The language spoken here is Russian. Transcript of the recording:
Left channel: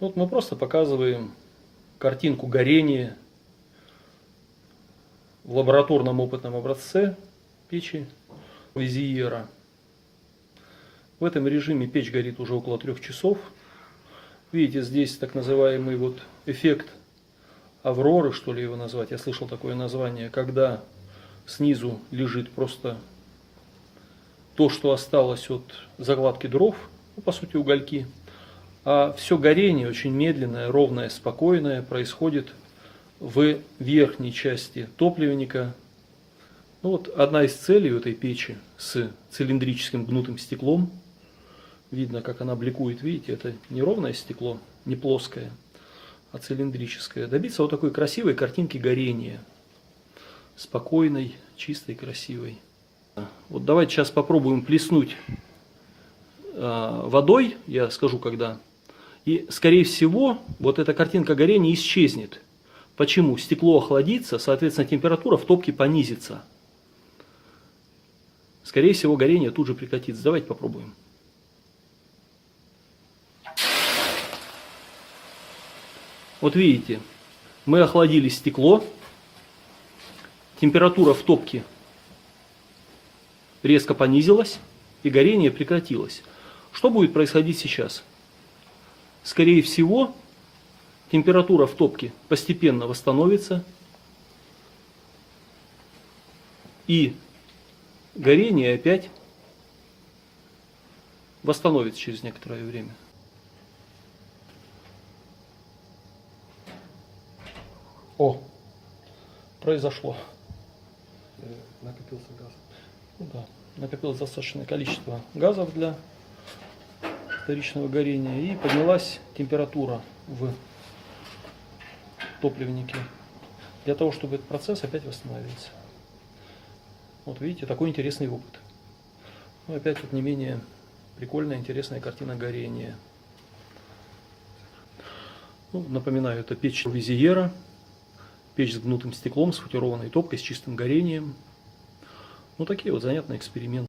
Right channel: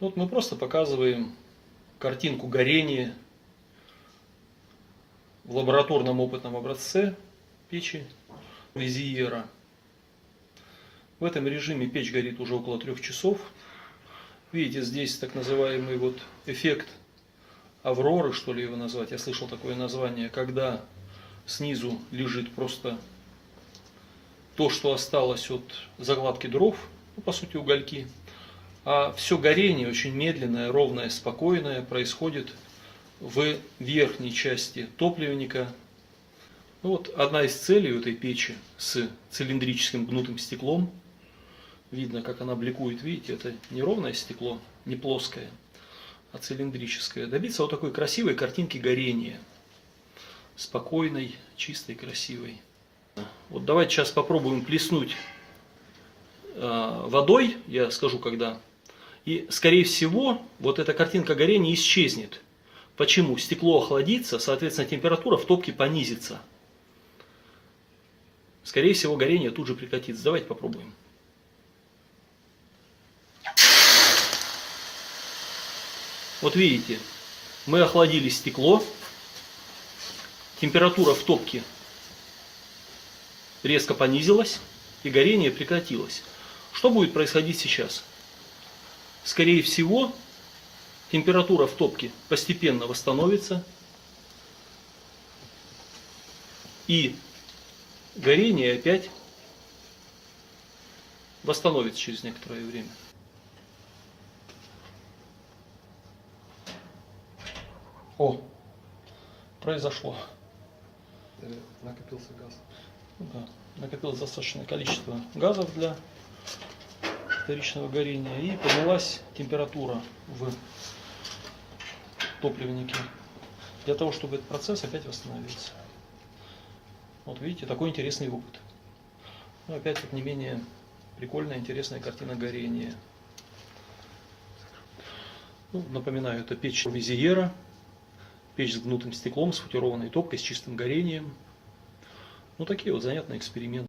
Вот мы просто показываем картинку горения в лабораторном опытном образце печи Визиера. В этом режиме печь горит уже около 3 часов. Видите, здесь так называемый вот эффект авроры, что ли его назвать. Я слышал такое название, когда снизу лежит просто то, что осталось от закладки дров, ну, по сути угольки. А все горение очень медленное, ровное, спокойное происходит в верхней части топливника. Ну, вот одна из целей этой печи с цилиндрическим гнутым стеклом. Видно, как она бликует, видите, это не ровное стекло, не плоское, а цилиндрическое. Добиться вот такой красивой картинки горения. Спокойной, чистой, красивой. Вот давайте сейчас попробуем плеснуть водой, я скажу когда. И скорее всего вот эта картинка горения исчезнет. Почему? Стекло охладится, соответственно температура в топке понизится. Скорее всего горение тут же прекратится. Давайте попробуем. Вот видите, мы охладили стекло, температура в топке резко понизилась и горение прекратилось. Что будет происходить сейчас? Скорее всего, температура в топке постепенно восстановится и горение опять восстановится через некоторое время. О, произошло. Накопился газ. Да, накопилось достаточное количество газов для вторичного горения и поднялась температура в топливнике для того, чтобы этот процесс опять восстановился. Вот видите, такой интересный опыт. Ну, опять вот не менее прикольная, интересная картина горения. Ну, напоминаю, это печь Визиера. Печь с гнутым стеклом, с футированной топкой, с чистым горением. Ну, такие вот занятные эксперименты.